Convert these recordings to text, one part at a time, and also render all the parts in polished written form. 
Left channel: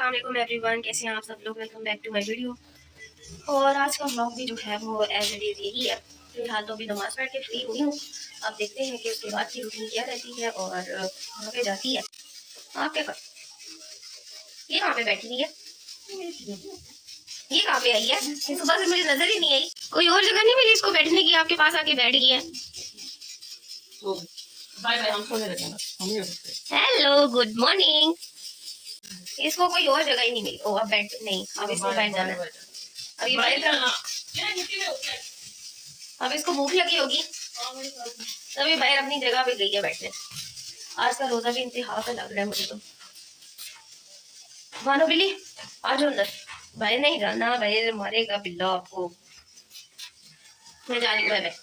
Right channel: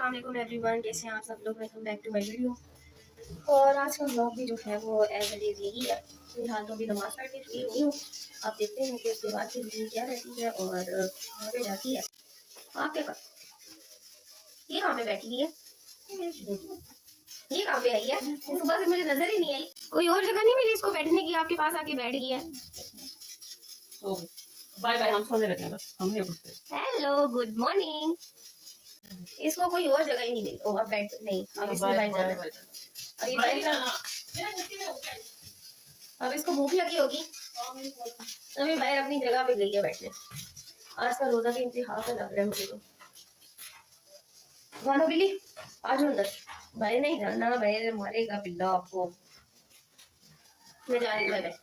अस्सलाम वालेकुम एवरीवन, कैसे हैं आप सब लोग। Welcome back to my video. और आज का व्लॉग भी जो है वो एज इट इज़ यही है। फिलहाल तो भी नमाज़ पढ़ के फ्री हुई हूँ। आप देखते हैं कि उसके बाद की रूटीन क्या रहती है और वहाँ पे जाती है आपके पास। ये कहाँ पे बैठी हुई है, ये कहाँ पे आई है, सुबह से मुझे नजर ही नहीं आई। कोई और जगह नहीं मिली इसको बैठने की, आपके पास आके बैठ गई है। बाय बाय, हम सोने लगे ना, हम नहीं उठते। Hello good morning. इसको कोई और जगह ही नहीं मिली। ओ अब बैठ नहीं, अब इसको बैठ जाना है। अभी बाहर जाना, अब इसको भूख लगी होगी, अभी बाहर अपनी जगह पे गई है बैठने। आज का रोजा भी इंतहा का लग रहा है मुझे तो। मानो बिल्ली आ जाओ अंदर, बाहर नहीं जाना, बाहर मारेगा बिल्ला आपको। मैं जा रही हूँ बाय।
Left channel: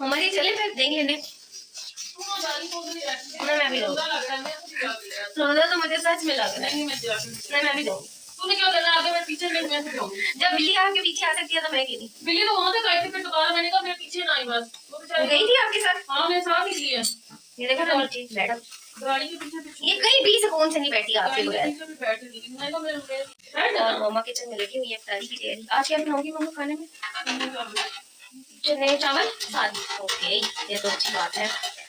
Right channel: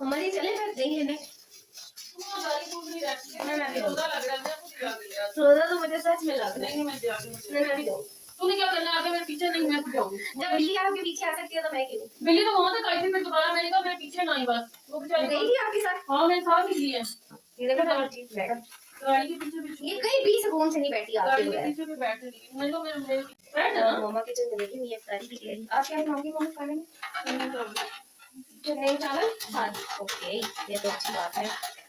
हमारी चले फिर देंगे इन्हें। मैं भी रोजा तो मुझे सच में लग रहा है। नहीं मैं भी दूंगी। तूने क्या करना, आगे मेरे पीछे नहीं, मैं जाऊंगी। जब बिल्ली आपके पीछे आ सकती है तो मैं क्यों नहीं। बिल्ली तो वहां तक आई थी, फिर दोबारा मैंने कहा मेरे पीछे ना आई, बस वो बेचारी गई थी आपके साथ। हाँ मेरे साथ ही थी। ये देखो तो ठीक मैडम, गाड़ी के पीछे ये कहीं भी सुकून से नहीं बैठी आपके गाड़ी के बगैर। पीछे में बैठी थी, मैं तो मेरे मम्मा किचन में लगी हुई है इफ्तारी की तैयारी। आज क्या बनाऊंगी मम्मा खाने में? चने चावल साथ। ओके ये तो अच्छी बात है।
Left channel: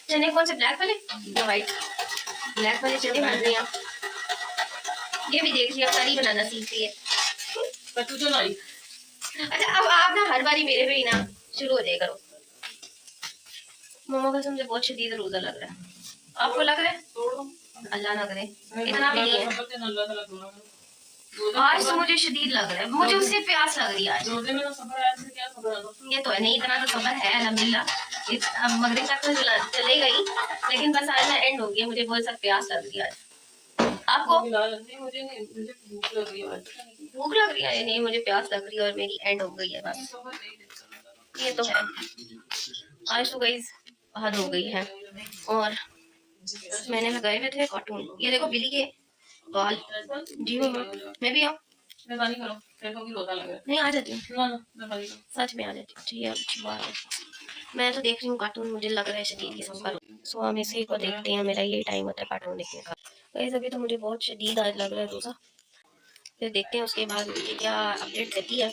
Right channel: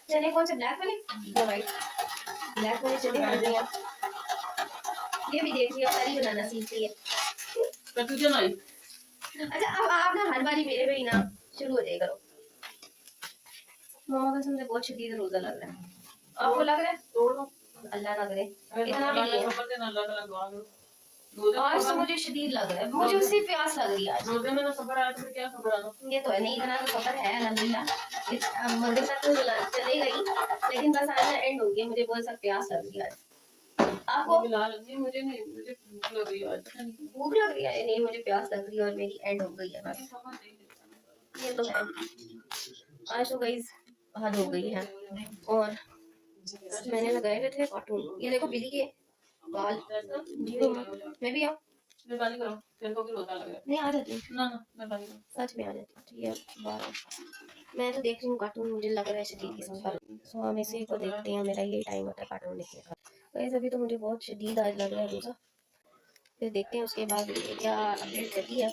चने कौन से, ब्लैक वाले या व्हाइट? ब्लैक वाले चने बन रहे हैं। ये भी देख रही है इफ्तारी बनाना सीख रही है। तुझे लाई। अच्छा अब आप ना हर बारी मेरे पे ही ना शुरू हो जाए करो। मम्मा का मुझे बहुत शदीद रोजा लग रहा है। आपको लग रहा है? तोड़ दो, अल्लाह ना करे इतना भी नहीं है। अल्लाह ताला दुआ करो। आज तो मुझे शदीद लग रहा है, मुझे उससे प्यास लग रही है आज। रोजे में ना सब्र आया तो फिर क्या सब्र आना। ये तो है नहीं, इतना तो सबर है अल्हम्दुलिल्लाह। अब मगरिब तक तो चले गई, लेकिन बस आज ना एंड हो गया। मुझे बहुत सख्त प्यास लग रही है आज। आपको? नहीं मुझे नहीं, मुझे भूख लग रही है। भूख लग रही है? नहीं मुझे प्यास लग रही है और मेरी एंड हो गई है बस। ये तो है, आज तो गाइस हद हो गई है। और मैंने लगाए हुए थे कार्टून, ये देखो बिल्ली के बाल। जी मम्मा मैं भी आऊँ? मेहरबानी करो, तेरे को भी रोजा लग रहा है। नहीं आ जाती हूँ, ना ना मेहरबानी करो, सच में आ जाती हूँ। ठीक है अच्छी बात है। मैं तो देख रही हूँ कार्टून, मुझे लग रहा है शदीद किस्म का। सो हम इसी को देखते हैं, मेरा यही टाइम होता है कार्टून देखने का। गाइस अभी तो मुझे बहुत शदीद आज लग रहा है रोज़ा, फिर देखते हैं उसके बाद क्या अपडेट रहती है।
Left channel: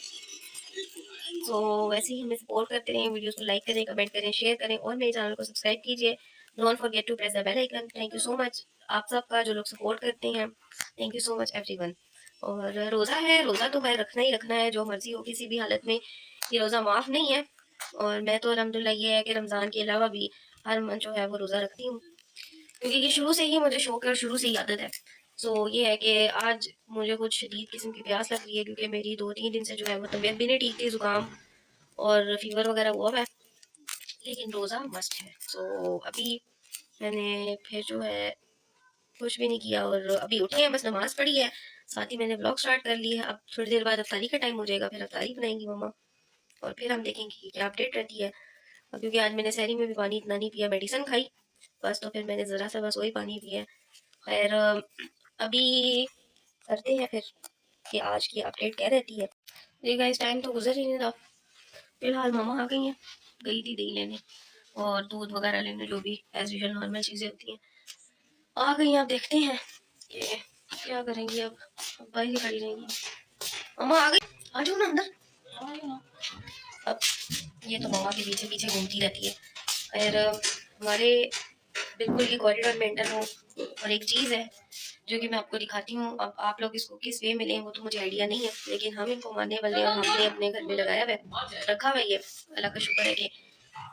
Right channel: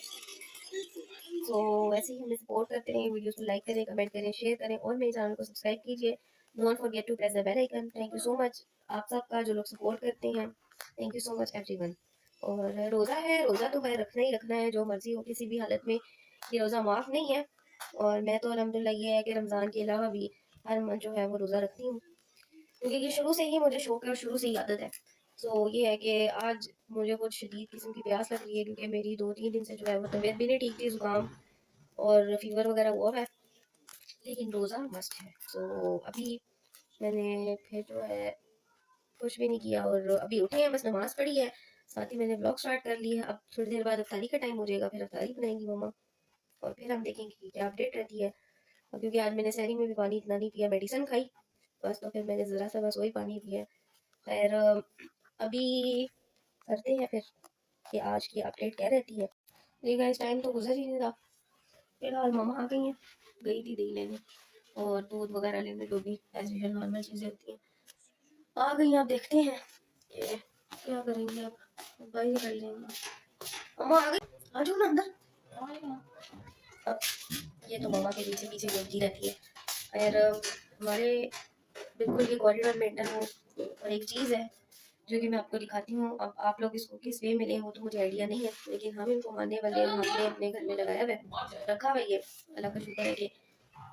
सो वैसे ही हमें सपोर्ट करते रहें, वीडियोस को लाइक करें, कमेंट करें, शेयर करें और मेरे चैनल को सब्सक्राइब कीजिए। Don't forget to press the bell icon. Thank you so much आप सबका जो लोग सपोर्ट करते हैं। Thank you so much everyone. और रोज़ा है, रोज़ा तो भाई रखना ही रखना है, जो मर्जी हो किसी भी हालत में। ये रोज़ा माफ़ नहीं है। और मैं तो अल्हम्दुलिल्लाह ये है कि रमज़ान के अलावा भी हर मंथ जो है वो रोज़ा रखती हूँ, क्योंकि ये शुरू से ही मुझे शौक है और शुरू से ही आदत है। सो ये है कि आज मुझे कुछ शदीद किस्म की प्यास लग रही है, क्योंकि मेरी 2-3 दिन से जो है वो तबीयत भी नहीं ठीक थी, ज़ुकाम और फीवर वगैरह हुआ है, लेकिन रोज़ा मस्ट है। सो अभी मैंने फिर जो है कुछ भी नहीं किया और अभी उठे हैं, बस नमाज़ पढ़ी है, साथ ही मैंने व्लॉग स्टार्ट कर लिया है। अब थोड़ी देर बाद अफ्तारी का टाइम हो जाएगा, फिर अफ्तारी बनाएंगी मम्मा और फिर हम देखेंगे कि क्या अपडेट रहती है। क्योंकि आज मैंने सहरी में भी पानी इतना नहीं पिया, मेडिसिन खाई बस, तो फिर मैंने ज़रा सा बस वही पानी पिया। खैर अभी करते हैं फिर कि आज की अपडेट क्या रहती है। देखा इस टाइम तो गुजर ही नहीं रहा। फिलहाल मम्मा आ गई हैं, गई थी दही लेने और दूध वगैरह लेने, जो भी एज यूजुअल नॉर्मल चीज़ें होती हैं आ गई। आप देखते हैं कि क्या करेंगे। अब बाइक खड़ी रहेंगी, मम्मा आ गई, आ जाओ ना अंदर। अब ये तो मम्मा के पीछे पीछे घूमती रहती है। खैर हमारे बिल्कुल ये कॉरिडोर मेंटेन हो। और एक चीज़ है जो कि मैं आपको दिखाती हूँ, अब आप लोग इसको किस वे में लें वो तो मुझे आइडिया नहीं है, लेकिन हम इनको मानने वाले हैं और हमने अपने घर में लगाया हुआ है, रखा हुआ है। अल्लाह का शुक्र है कि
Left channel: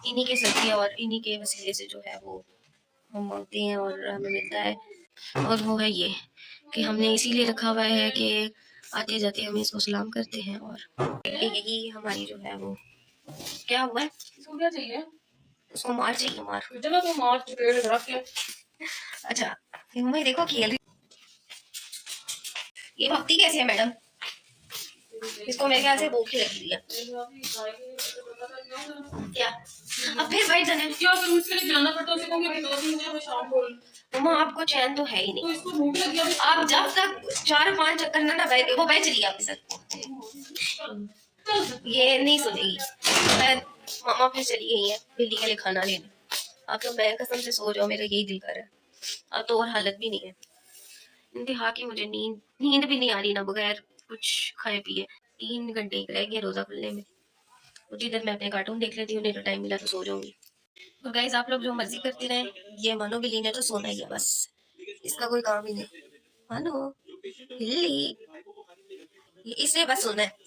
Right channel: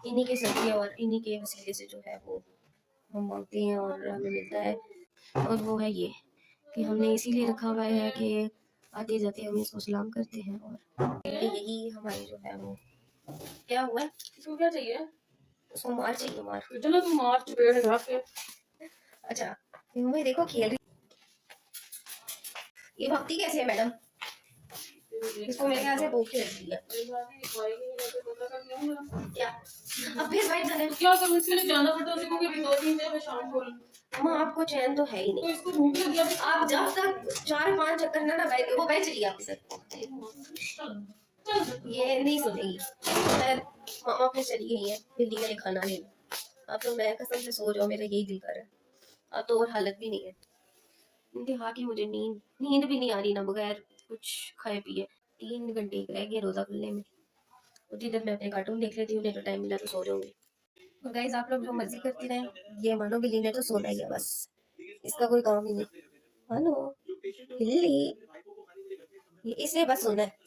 इन्हीं के सदक़े और इन्हीं के वसीले से जो है वो हम मांगते हैं और हमें मिलता है। और वो है ये कि हमने इसीलिए रखा हुआ है कि आते जाते हम इसको सलाम करते हैं। और यही हमारी जो है वो क्या हुआ है, इसको क्या चाहिए, उसको मार चाहिए, मार। चलो तो मार पेड़ रख के। अच्छा मैं देखो खेल रही, ये भक्ति कैसे है मैडम, इसको मेरे ख्याल से भूख ही लगी है क्या। अब फिर भाई जाने क्या कर, मुझके लिए जाना पड़ता है, उसे कहूँगी अभी 2-3 दिन में शाम को। मम्मा आपको चैन तो है ही तो नहीं, इसको भूख लगी है। आप जब तक 4-5 चक्कर ना बैठे वो बैठ रही है आपके साथ, ये नहीं सुनेगी। मामा फिर चली गई है बिल्ली के लिए खाना लेने। अब तो मैं कसम से सो जाऊं, मेरा यही दिल कर रहा है। अब तो और हालत भी नहीं है। इंतहा की मुझे नींद भी नहीं आ रही ना, बगैर कुछ खाए पिए। 3 घंटे रह गए रोजा खुलने में, कुछ इधर मैं अपने कार्टून देख लेती हूँ, नहीं तो टाइम मिला तो सो जाऊंगी। और गाइस आप लोग जो मर्जी करते रहें, ये मानो बिल्ली ने तो सोना ही है बस, इसका कोई काम ही नहीं। मानो बिल्ली, ये इसे बस सोना है।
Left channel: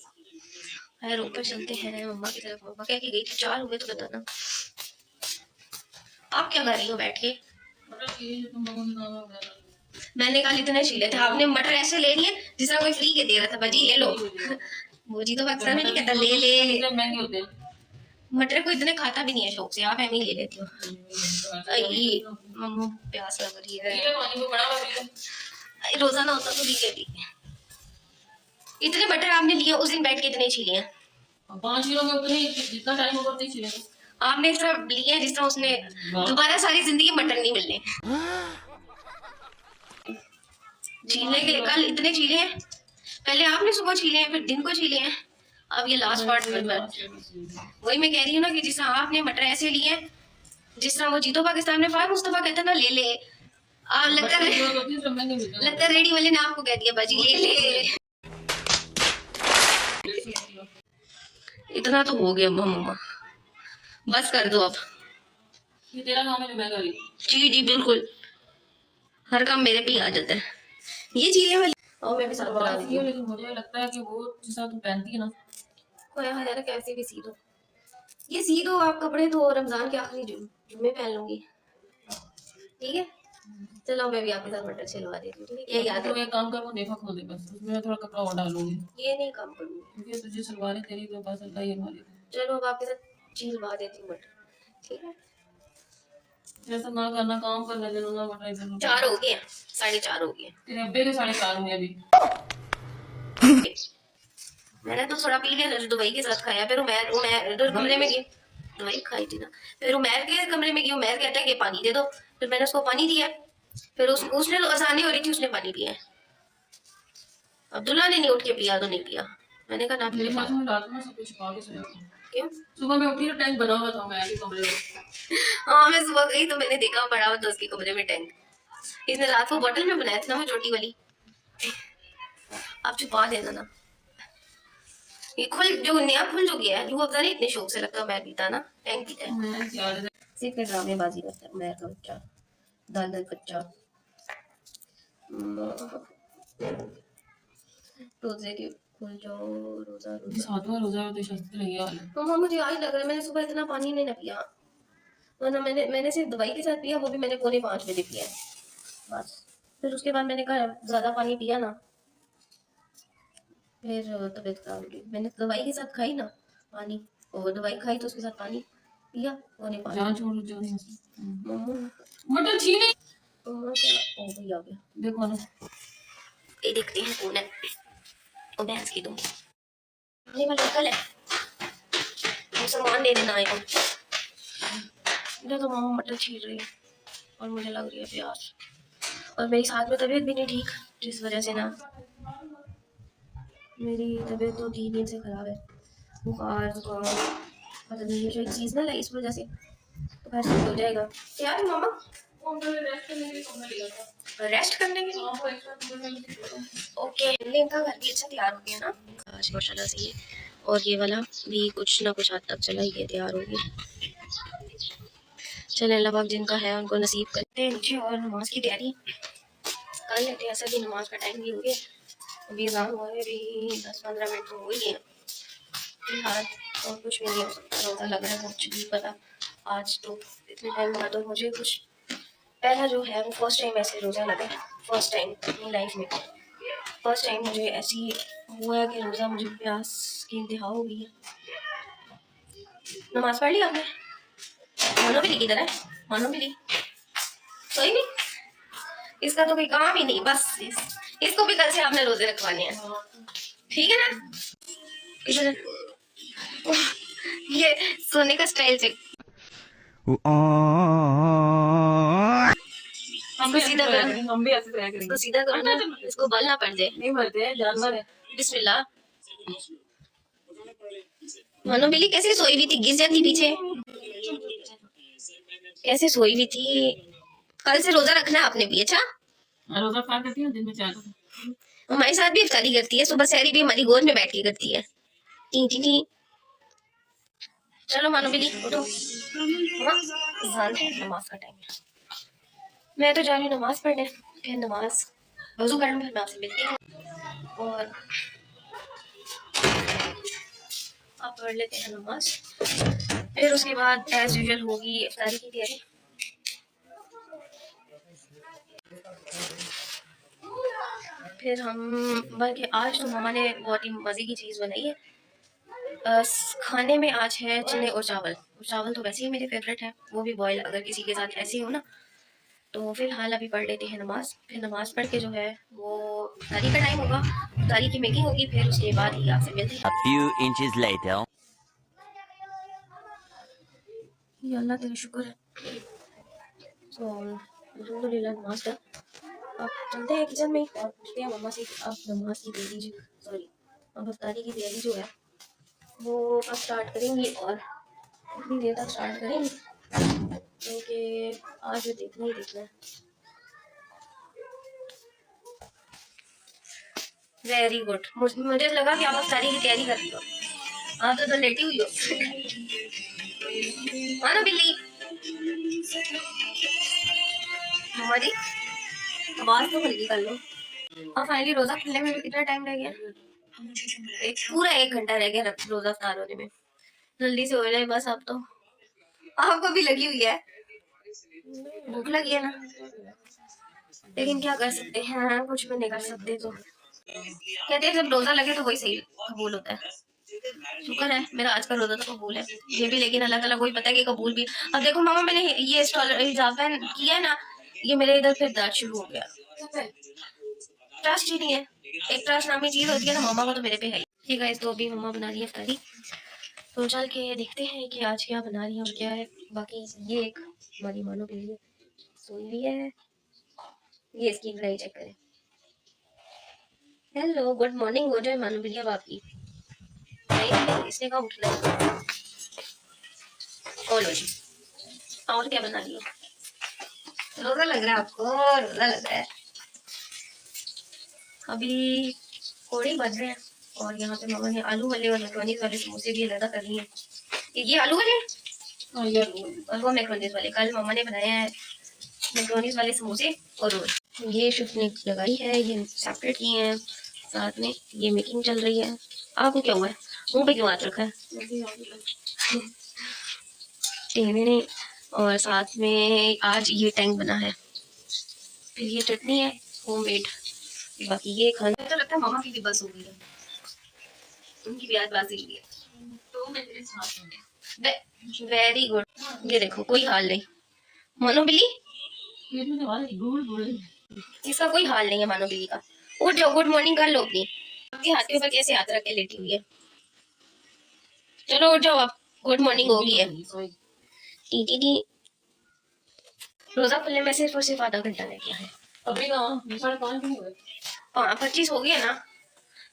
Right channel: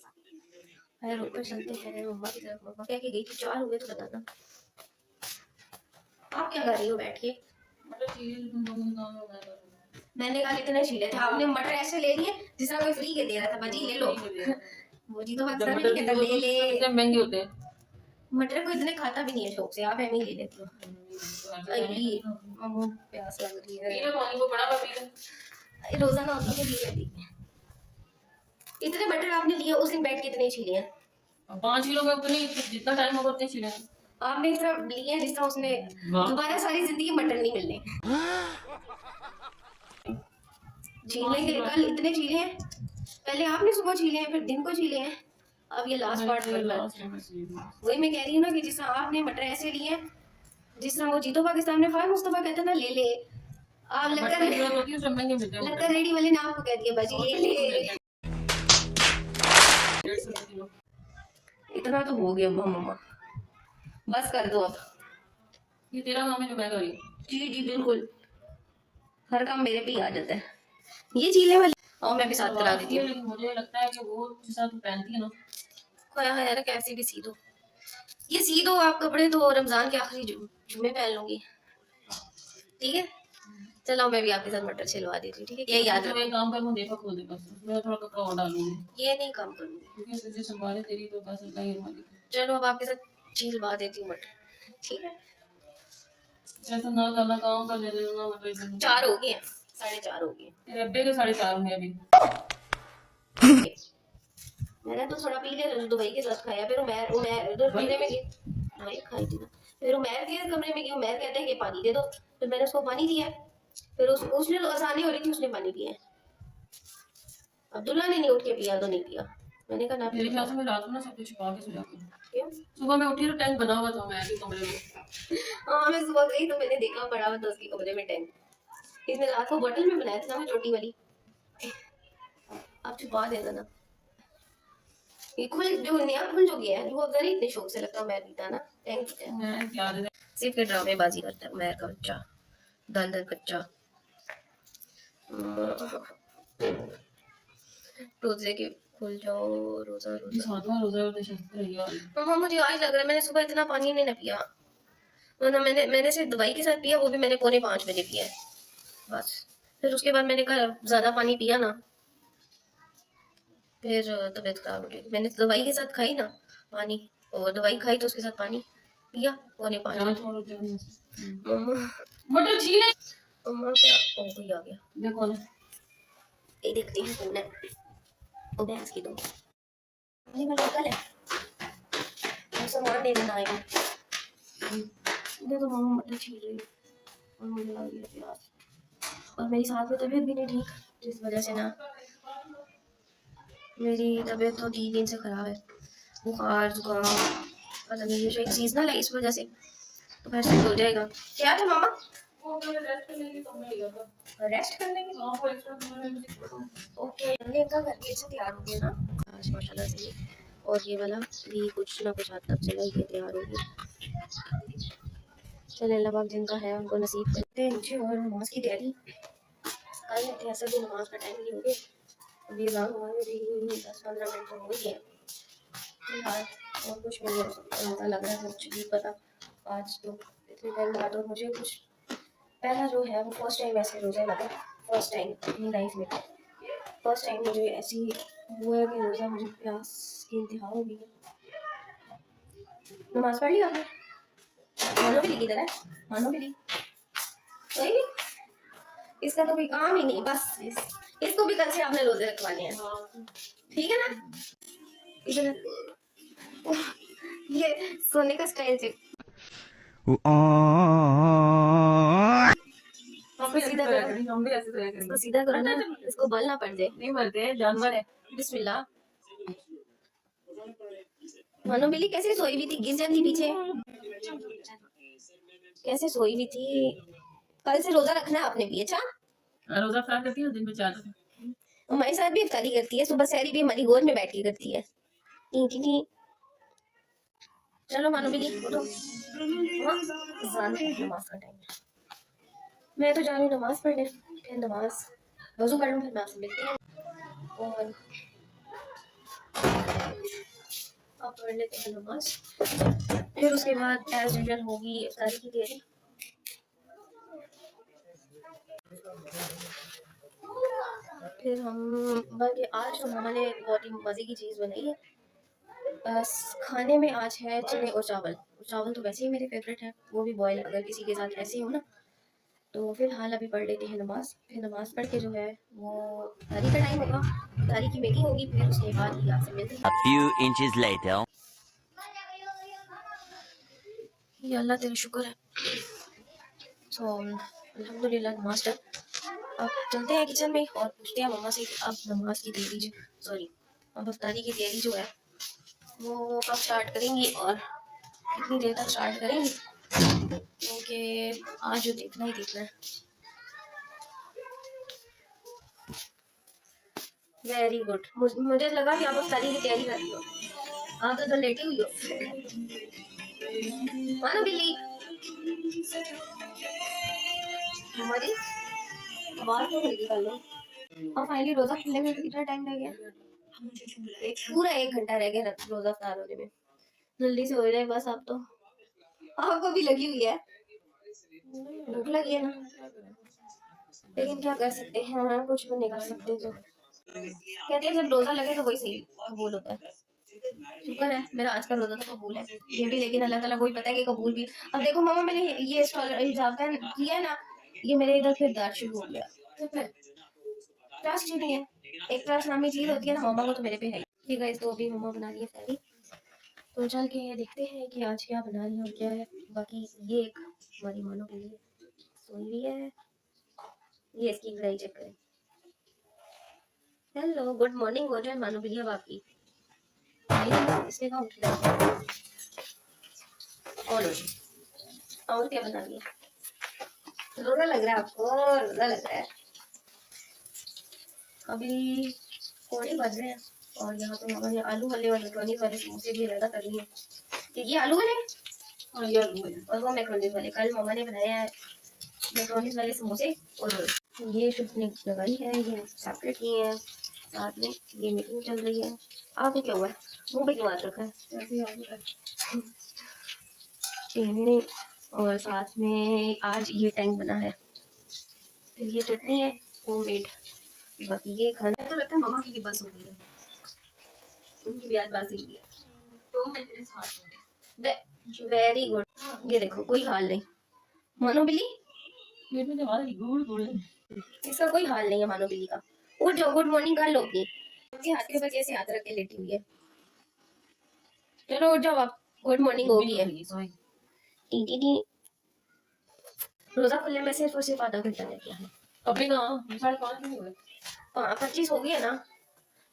खैर ऊपर चलते हैं मम्मा की तरफ। मम्मा क्या की गई थी, 4 हुए तो बताना। आप क्या कर रही हो बैठ के? मतलब ये तुम लोगों ने काम वगैरह मैंने कहा इतने छीले थे आपने, मटर ऐसे ले लिए जिस तरह कोई फ्री के दे रहा था, भाजी ले लो। वो जी तो पाकिस्तान में नहीं कहता ले ले। कितने महंगे होते हैं। मटर को इतने खाता भी नहीं है शौक से, आप ऐसे ही ले लेते हो। आई मम्मू प्यास लग रही है। ये पानी को बड़ा कर दिया। रोजाना होता तो पी लेती। इतने मटर आपने लिए उस दिन बैठ के इतने छीले हैं। 5 किलो में उतने जितना टाइम होगा उतने छिले आपने इस तरह लिए जिस तरह उसने दोबारा सारी जिंदगी मटर नहीं मिलने। छीलने के लिए कल इतने छीले हैं, पहले आपने सुबह छीले हैं, फिर दिन को छीले हैं, अब ये लास्ट पार्ट में वही मैं कह रही हूँ ना कि जिस तरह आपने मटर ऐसे लिए हैं जिस तरह वो जीतो पाकिस्तान में फार मुस्तफा कहते ना ले ले। आप लगता रेडी वाले ने आपको कह दिया बाजी ले ले। इतना तो हो गया मम्मा, बस कर दो अब। ये तेरा काम है जो मैं कर रही हूँ। जी जी बिल्कुल, हर काम मेरे पे ही आ जाता है। ये चीले वाली और मैं भी साथ करा देती हूँ। लेकिन मुझे लगता है कि वो जैसा तू पहनती है ना, खोया है यार, कैसे भी सी दो, ये सी दो आप कपड़े तो रमजान के आखिरी जुम्मे पहन लूंगी, ठीक है? चलो मैं भी आपके साथ मटर छिलवा देती हूँ, ठीक है? ये याद तो रखो। एक काम कर, मैं देखा खोल दे बस, उसमें थोड़ा कपड़ा और डालूंगी ये नहीं काम करूंगी क्योंकि तुझे सलवारें तेरी तो बस अल्लाह ही हमारी। चलो अब आपके साथ छिलवा देती हूँ मटर, ठीक है? ऐसा ना करना, काम कर ले देना मटर इधर 4 हो गए, 4:30 हो गए। तेरे अब्बे के 4:30 हुए अभी। मैंने तो थोड़ा पी लिया, दुबई के साथ खाया, फिर उमैर इधर कमरे में गई, दवाई खाई थी ना, फिर उमैर के कमरे में गई, उमैर कहता है कि पानी दे दो, फिर मैंने उसको पानी दिया, फिर उसने तो आसानी हो रही थी, उसने पानी पिया। अब्दुल्ला ने नहीं उठ के पिया तो नहीं पिया, मैंने कहा ना मेरे फिर साथ में रात में सब कुछ छुपा के सोया था। क्यों? सुबह मैं उठी तो टैंक बना हुआ था मैं भी कमरे में। हाँ मैं सुबह गई तो मैंने देखा पड़ा हुआ था उसके कमरे में टैंक, इसने रात को बोतल में बनाया था ना वो छोटी वाली, आप छुपा देना ना। ये खुल जो नया खुल जो गया है, जो अफजा नहीं इतने शौक से लगता मैं पीता ना, टैंक पीता है। मैं याद है सिर्फ के ड्रामेबाजी करता है उमैर का बच्चा, दल दल बच्चा। रोजे के खुल जाओ, रोजा रोजा। सातवां रोजा तो शस्त्र रही है। मम्मा मुझे आज लग रहा है मैंने सुबह इतना पानी नहीं ना पिया, वरना मैंने सिर्फ दवाई के साथ पिया, वो भी मैंने 4:45 पिया है बस। फिर उसके बाद मैंने कहा ज्यादा पानी पिया ना, फिर तबीयत खराब हो गई। मैंने तो दवाई के साथ खाई ना पानी, और दवाई खाई तो उसके साथ पानी पिया 4:45। छोड़ो जाओ मम्मा मटर छीले। मम्मा क्या ओ भाई आ गया, देखो ना ये देखते हैं कौन है। ओ भैंस की दूंगी, ये वाला कल है, हम सामान ले देना आए हो। इधर तो मम्मा मटर छील रही है और मुझे लग रही है प्यास, और मेरी साथ में तबीयत भी नहीं ठीक, जिस वजह से ना मेरी तबीयत तो 3 दिन से खराब है, बुखार जुकाम पता नहीं, ये एक सीजनल है इस वजह से, तो फिर से हो जाएगा। क्या था मम्मा? रेस्ट करने के लिए ओके। इनका घर भी अच्छा तैयार हो गया ना आज माशाल्लाह से, ये और ये वाला भी कुछ ना कुछ हद तक चला ही तैयार हो गया। चले अल्लाह पाक जिनका है उनको नसीब करते हैं नीचे, और नमाज की तैयारी कर लेते हैं। असल की नमाज का टाइम भी हो गया, अभी अज़ान हुए भी 10-15 मिनट हो गई है फिलहाल, और कुछ भी नहीं हो सकता, रोज़ा लग रहा है कुछ भी पता आज तो इतने टाइम बाद। और मुझे कुछ पहला जो है वो फर्स्ट टाइम ऐसे रोज़ा लगा, फर्स्ट टाइम अपनी लाइफ में, फर्स्ट टाइम मुझे ऐसी हुआ है कि रोज़ा मुझे प्यास की इंतहा हो गई है। नमाज पढ़ ली आपने? मानो भी किधर है? मानो भी कोई नहीं, इसका तो कोई काम ही नहीं, बस इसको भी कल से आपने रोजे रखवाने हैं, ठीक है ना? इधर ये सोने का स्टाइल चेक, इसको सीधा करो, हम भी ऐसे करेंगे। इसको सीधा करो ना, इसको बल ना पड़ जाए। नहीं मरते हैं, जानवर है। बिस्मिल्लाह। मानो बिल्ली कैसे सोई हुई थी, गिर जाती पीछे, कैसे सोई हुई थी। कल से रोजा रखना आपने भी, अच्छा? रोजा अफ्तार करती है दिन में 4 दफा। हमारे साथ भी इफ्तारी करती है, सुबह सहरी भी हमारी गोद में बैठ के करती है। T T T. चलो मानो बिल्ली उठो, नमाज का टाइम है। मैं तो जा रही हूँ नमाज पढ़ने, फिर नमाज वजू कर लूँ, फिर मैं आपसे मिलती हूँ और आप पढ़ लेते हैं नमाज। फिर उसके बाद एज यूजुअल होगी इफ्तारी की तैयारी। फिर हम बल्कि आज तो मामा ने बहुत ही मज़े की चीज़ बनाई है। खाने में आज है चने और चावल। चावल तो वैसे ही मेरे फेवरेट है, वो भी बॉयल अगर किसी के साथ ऐसे हो ना। तो फिलहाल अभी पढ़ लेते हैं नमाज, फिर नमाज पढ़ के जो है वो इफ्तारी का टाइम होगा, इफ्तारी की मेकिंग होगी, फिर उसके बाद ही आपसे मिलते हैं। A few inches later. ये अल्लाह तेरा शुक्र है। सो अल्हम्दुलिल्लाह नमाज तक अब चलते हैं किचन में और पूछते हैं मम्मा से कि आप नमाज की तैयारी अब इफ्तारी की तैयारी जो है वो कब स्टार्ट करेंगी और कितनी देर तक स्टार्ट करेंगी, क्योंकि आज जो देखना ही देखना है। वेरी गुड, मुझे लगा कि आप इफ्तारी की तैयारी कर रही हो, आप तो लेटी हुई हो। मानो बिल्ली हमारी आवाज तो हल्की कर लो। और फाइनली रोजा खुलने में भी कितना टाइम रह गया, पूरा 1 घंटा रह गया रोजा इफ्तार होने में। जल्दी से हो जाए बस। आप तो आपको भी लगी हुई है, भूख लगी है ना, लेकिन क्या कर सकते हैं, कुछ भी नहीं कर सकते। तो कहते हैं जब रोजा लगे तो वही सही कबूल होता है। शुक्र है मेरा आज का रोजा तो कबूल है ये भी, लेकिन अल्लाह ताला को ही पता है कि कबूल भी। अब देखो मामा, मैंने ये हिजाब पहन किया है ना, ये मेरे इधर फिर दर्द शुरू हो गया। ट्रस्ट ही नहीं है, एक ट्रस्ट नामी चीज होती है ना, मामा को तो मेरे पे है। ठीक है, तो अभी मामा बना रही है इफ्तारी, तो चल के देखते हैं कि आज क्या बना रही है और क्या है। बाकी ये एक हमारी मानो के लिए सोई हुई है, ये इसकी ग्राई चेक करें। हेलो गुड मॉर्निंग हो जाए मानो बिल्ली, अब आपकी इसने कहा उठ रहा है। बोलो जी, और क्या बना लिया? रोजा लग रहा है आपको? रोजा लग रहा है। अभी कोड़ी बज रहे हैं और यहाँ पे मामा ने आलू वाले और मैक्रोनीज वाले समोसे भी अलग कर लिए हैं। ये आलू वाले और वो मैक्रोनीज वाले। कल मामा ने बनाया है मैक्रोनीज वाले समोसे और रोल। ये शिफ्ट ने लगाई है, ये सेपरेट किए हैं, साथ में ये मेकिंग चल रही है। आपको क्या हुआ है, मुंह पे क्यों हाथ रखा है? टेढ़े। और साथ में आज ये टैंक बना है, फिर ये चटनी है होममेड। बाकी ये खाना तो लगता है मामा की भी बस हो गई है, उनकी भी आज बाजी हुई है। Very good. ये देखो कोई हाल नहीं मानो बिल्ली, इसका कोई हाल नहीं है मानो बिल्ली का। उठ जाओ, गुड मॉर्निंग कर लो अपनी। आपके हाथ के ऊपर कैसे हाथ रख के लेटी हुई है? चलो उठ जाओ, आप गुड मॉर्निंग हो गई है। T T T. रोजा खुलने में सिर्फ और सिर्फ आधा घंटा रह गया है। अभी कहाँ 5:30 हो गए, 25 हो गया ना,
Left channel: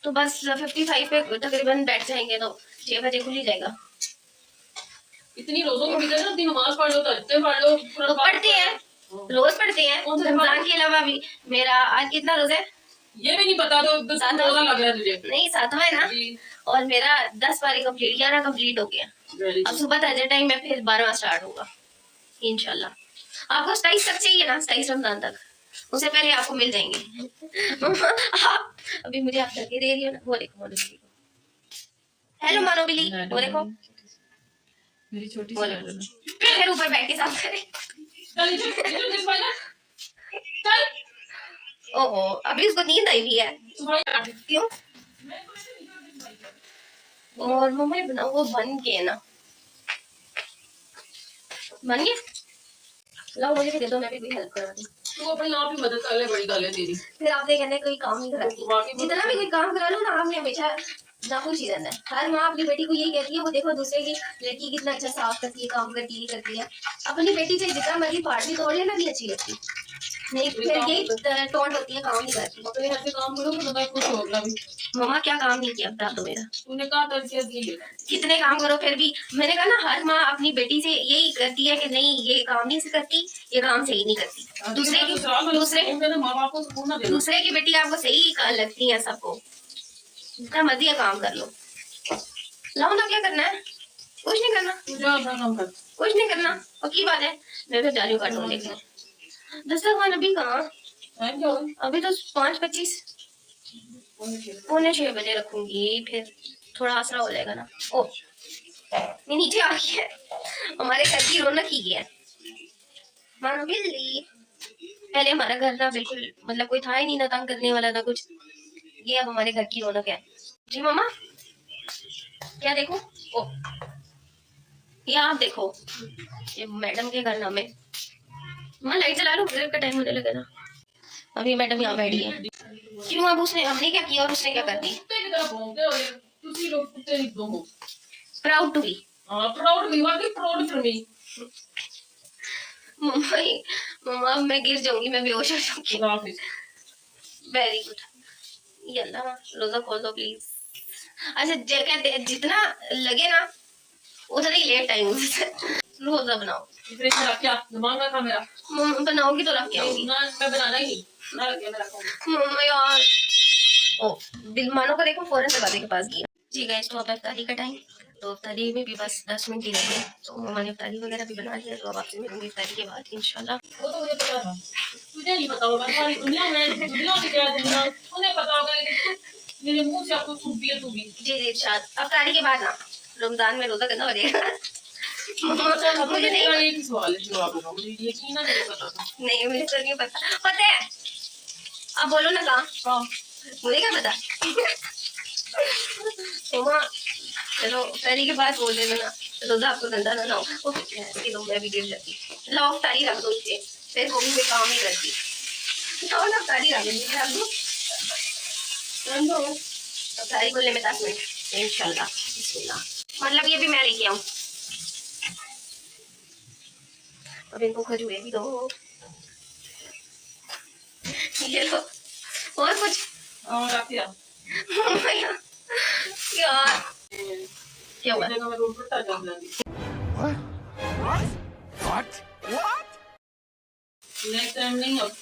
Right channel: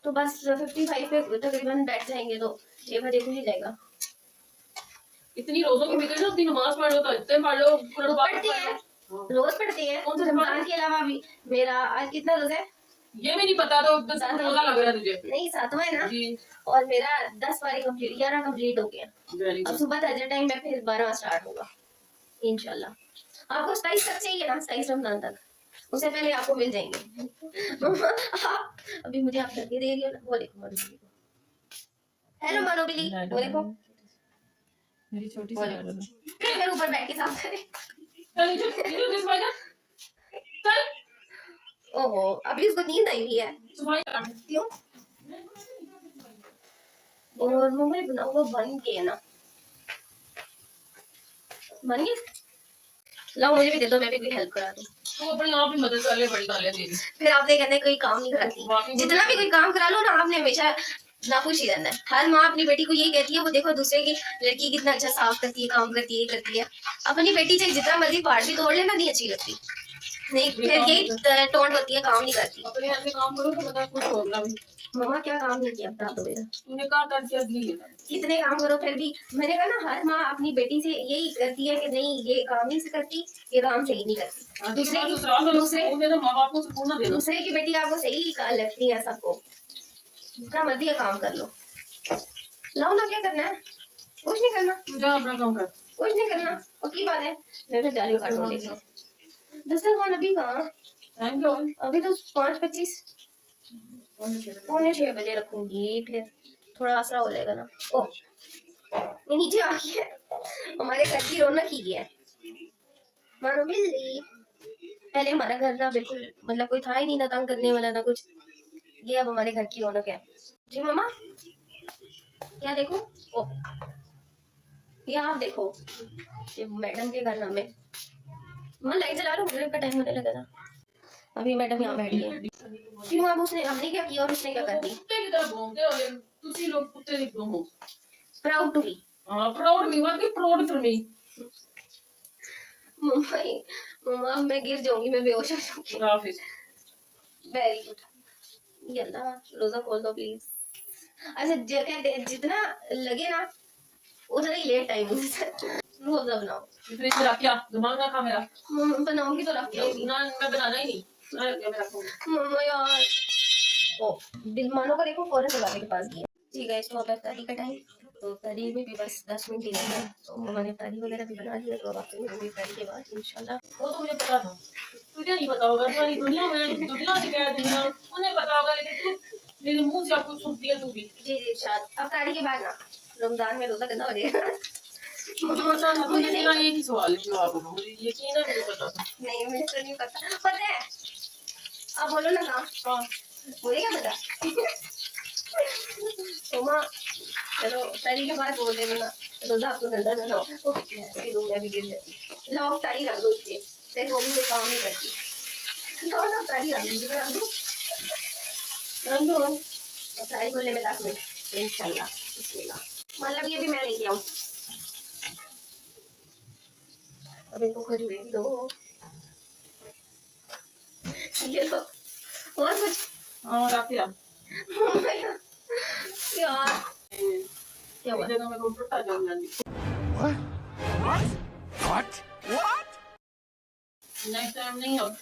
तो बस 55 पे तकरीबन बैठ जाएंगे तो 6 बजे खुल ही जाएगा। इतनी रोजों के भीतर ना अपनी नमाज पढ़ लो तो इतने पढ़ लो। तो पढ़ते हैं, रोज पढ़ते हैं। तो रमजान के अलावा भी मेरा आज कितना रोजा है ये भी नहीं पता, तो बस रोजा लग रहा है तुझे? नहीं, 7वां है ना, और मेरा 10 पारे कंप्लीट, 11 कंप्लीट हो गया। अब सुबह तहज्जुद टाइम में फिर 12वां स्टार्ट होगा इंशाल्लाह। आपको 27 तक चाहिए ना, 27 रमजान तक, उससे पहले आपको मिल जाएंगे। अभी मुझे आप करके दे रही हो ना, वो देखो मानो बिल्ली को। हेलो मानो बिल्ली, वो देखो मेरी छोटी सी फिर ऊपर बैठ के साफ करे। चल चल चल चल। ओहो, अभी उसको नींद आई हुई है, क्यों? और मम्मी बनाओ, वो बन गए ना, बन गए। लाओ मुझे भी दे दो, मैं भी कोई हेल्प करा दूं। तो अपने आप ही मदद कर ले, बड़ी गालियां दे रही। फिर आपने कहना है कोई काम नहीं कराती, जितना भी कोई काम करा लो ना, आपने हमेशा नाखुश ही रहना है। हर माँ अपनी बेटी को यही कहती है, वो देखो दूसरे की लड़की कितना अच्छा साफ करती है, काम करती है, अपनी बेटी चाहे जितना मर्जी पहाड़ भी तोड़ लेना, नहीं अच्छी लगती। नहीं फिर यही टोंट होती है, काम नहीं करती। अपने ऐसे काम करो तो बता कुछ होगा भी। मम्मा क्या काम नहीं किया बता दो मेरा। तूने कहा था कि ये कितने काम करो फिर भी, मैंने कहा ना हर माँ अपनी बेटी से यही करती है कि नहीं ये काम नहीं से करती, ये काम सही नहीं करती। दूसरे की बेटी आपको सही लगती है सबको, जितना मर्जी है काम कर लो। लाओ ना, क्या करना है? कुछ नहीं करना, जा अपना काम कर। कुछ नहीं करना, पक्की बात है। मैं तो जा रही हूँ कार्टून देखने। दस्तरखान अभी कहाँ, अभी तो 5:25, 5:45 रखूंगी, फिर थोड़ा आसरा हो जाएगा ना। ओ ये नीचे आ गई है, हमारे घर की रौनक ही है मानो बिल्ली। पहले हमारा घर ना बिल्कुल मतलब कोई था ही नहीं ना तंग करने वाला ना कुछ, ये अब हमारे घर की रौनक है। जी मम्मा क्या देखो? ओ ये आप देखो, ये मैडम के घर नाम है। मम्मा लाइट जला लो, मगरिब का टाइम होने लगा ना। अभी मैडम यहाँ बैठी है। क्यों, अब उसने हमने क्या किया और उसने क्या कर दी? Proud to be. मम्मा मैं गिर जाऊंगी, मैं बेहोश हो जाऊंगी। Very good. ये अल्लाह रोजा खोल दो प्लीज। अच्छा जगह जितना लगे ना उतना ही लेट टाइम रोजा बनाओ। फ्रिज में रख क्या दिमाग ना खा मेरा। बनाओगी तो रख के आऊंगी ना, मैं बनाना ही नहीं। मैं रख के मैं रखूंगी। मम्मा यार ओ बिल मानो को देखो फौरन दरवाजे के पास गई। जी गाइस तो अब इफ्तारी का टाइम, तो इफ्तारी में भी बस 10 मिनट ही रह गए, तो मम्मा ने इफ्तारी वगैरह भी बना लिया, तो अब आपसे मिलूंगी इफ्तारी के बाद इंशाल्लाह। वो तो मुझे पता था, तुझे नहीं पता होगा। सारी दुनिया में क्या दुनिया उन्हें पता होगा, लेकिन मेरे मुंह से आपको छुप दिया तू भी। जी जी शायद इफ्तारी के बाद ना रमजान में रोजा करना पड़ेगा। मुझे नहीं एक ही सवाल है जवाब होगा, मुझे यकीन है नहीं पता था। नहीं मुझे तो नहीं पता है। अब बोलो ना कहाँ, मुझे क्या पता। मम्मा चलो इफ्तारी के बाद बोल देना ना, रोजा आपको गंदा ना हो। इसकी तो मैं भी गिर जाती। लाओ इफ्तारी रख दो इसे, फिर वो भी मैं काम नहीं करती। लाओ ना इफ्तारी रख दो, इफ्तारी को ले में 10 मिनट इंशाल्लाह। बिस्मिल्लाह, मतलब ये भी मैं लेके आऊँ। अब इनको खजूरे भी दो, ये लो और कुछ। रख दिया यार क्या हुआ? मैं रोड पर आ जाऊंगी। What? What? नेक्स्ट टाइम नहीं अब।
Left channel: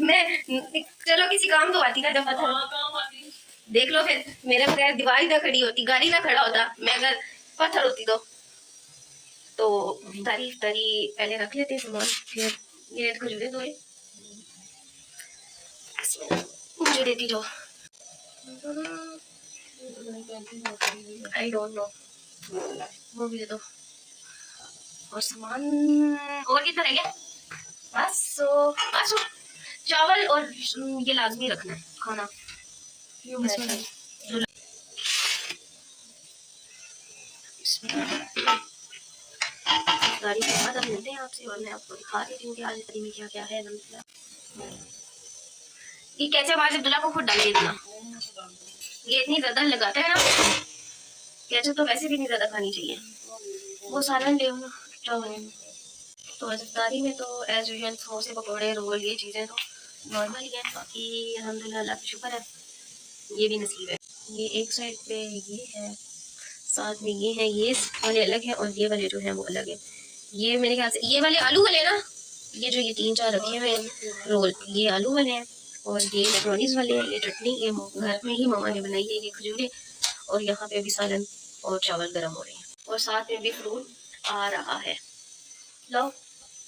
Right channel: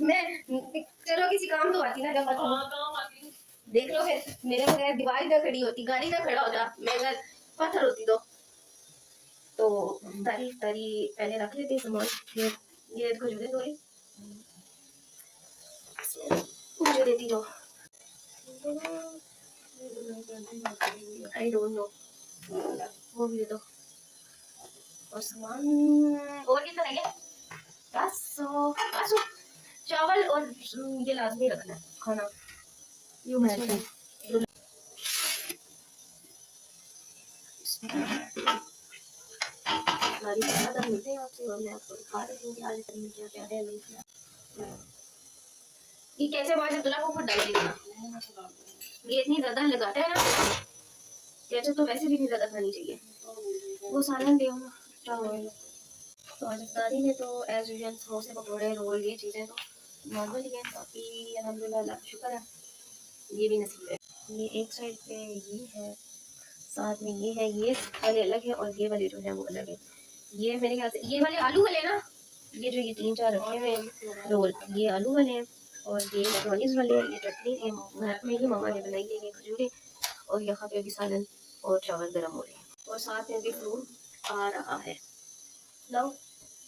मैं चलो किसी काम तो आती ना जब पता। काम आती। देख लो फिर मेरे बगैर दीवार ना खड़ी होती, गाड़ी ना खड़ा होता, मैं अगर पत्थर होती तो तारीफ तारी पहले रख लेते सामान, फिर ये खजूरे दो मुझे देती जाओ। आई डोंट नो, वो भी दे दो। और सामान और कितना रह गया? बस चावल और ये लाजमी रखना है खाना। गाड़ी के बाद अब मिलते हैं आपसे और मैं आपको दिखा देती हूँ कि आज इफ्तारी में क्या क्या है। ये कैसे बाहर से दुल्हा को खुद डाल के देना, ये इतनी ज्यादा लगाता है ना, केचप तो वैसे भी नहीं ज्यादा खानी चाहिए। वो सालन ले ना चावल। तो आज इफ्तारी में तो एज यूजुअल समोसे पकौड़े रोल ये चीज़ें तो नॉर्मल ही है, बाकी अल्हम्दुलिल्लाह अल्लाह का शुक्र है ये भी नसीब है। ये एक साइड पे ये है, साथ में ये है, ये वाले अलग है और ये वाले जो है वो अलग है। ये मेरे ख्याल से ये वाले आलू वाले ना, ये जो ये 3-4 रखे हुए हैं रोल ये आलू वाले हैं, और ये मैक्रोनीज वाले हैं, ये चटनी ये घर में ही मामा ने बनाई है, ये खजूरे, और यहाँ पे अभी सालन और चावल गर्म हो रहे हैं, और साथ में भी फ्रूट आ रहा है। लो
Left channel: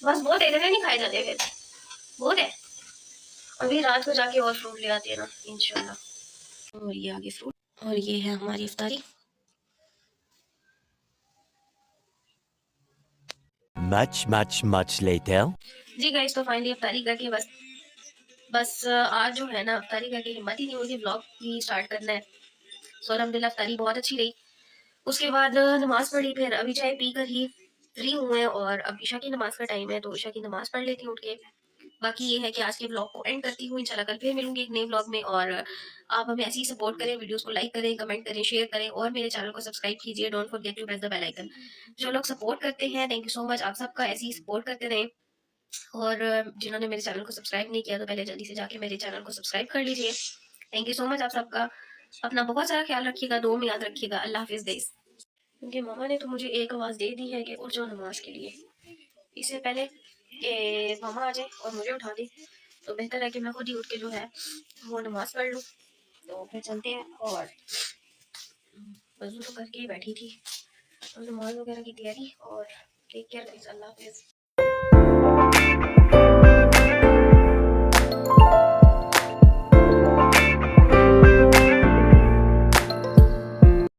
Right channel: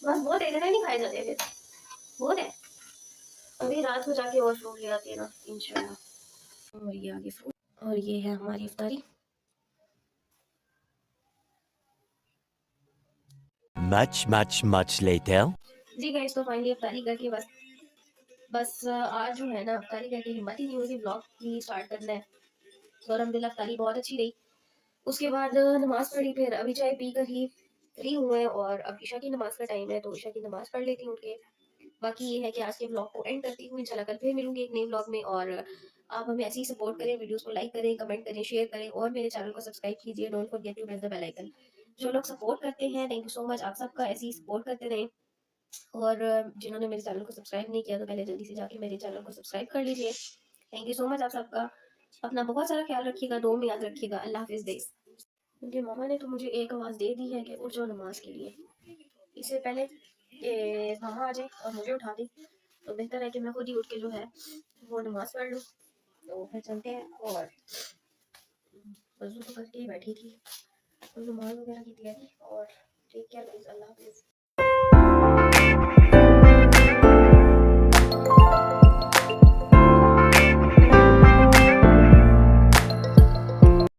बस बहुत है, इतने नहीं खाए जाते फिर बहुत है। अभी रात को जाके और फ्रूट ले आते हैं ना इंशाल्लाह। और ये आगे फ्रूट, और ये है हमारी इफ्तारी। Much later. जी गाइस तो फाइनली इफ्तारी करके बस आज जो है ना इफ्तारी करके हिम्मत ही नहीं होती व्लॉग भी स्टार्ट करना है। तो अल्हम्दुलिल्लाह इफ्तारी बहुत अच्छी रही। उसके बाद नमाज पढ़ी, फिर अभी चाय पी कर ही फ्री हुए, और अब ईशा की नमाज का टाइम है तो ईशा की नमाज पढ़ लेती हूँ उठ के। बाकी ये है कि आज के ब्लॉग को एंड करती हूँ, इंशाल्लाह कल फिर मिलूंगी एक नए ब्लॉग में। और आप हमें ऐसे ही सपोर्ट करें, वीडियोस को लाइक करें, कमेंट करें, शेयर करें, और मेरे चैनल को सब्सक्राइब कीजिए। Don't forget to press the bell icon. जो लोग सपोर्ट करते हैं, थैंक यू सो मच, आप सबका ऐसे ही सपोर्ट करते रहें। और जिन्होंने मेरे चैनल को सब्सक्राइब नहीं किया तो पहले जल्दी से जाके मेरे चैनल को सब्सक्राइब कर लीजिए। थैंक यू सो मच आप सबका। अपना बहुत सारा ख्याल रखिएगा, दुआ में याद रखिएगा। अल्लाह हाफिज़ गाइस। क्योंकि मम्मा ने तो मुझे एक आवाज़ दे दी है कि उठ जाओ नमाज के लिए, इससे पहले कि मम्मा आ जाए और मुझे उठा दे, तो बेहतर है कि मैं खुद ही उठ के जो है वो नमाज पढ़ लूँ। तो फिर चलते हैं। और वज़ू तो करके ही बैठी थी, तो नमाज वगैरह की तैयारी। और टेक केयर गाइस, अल्लाह हाफिज़।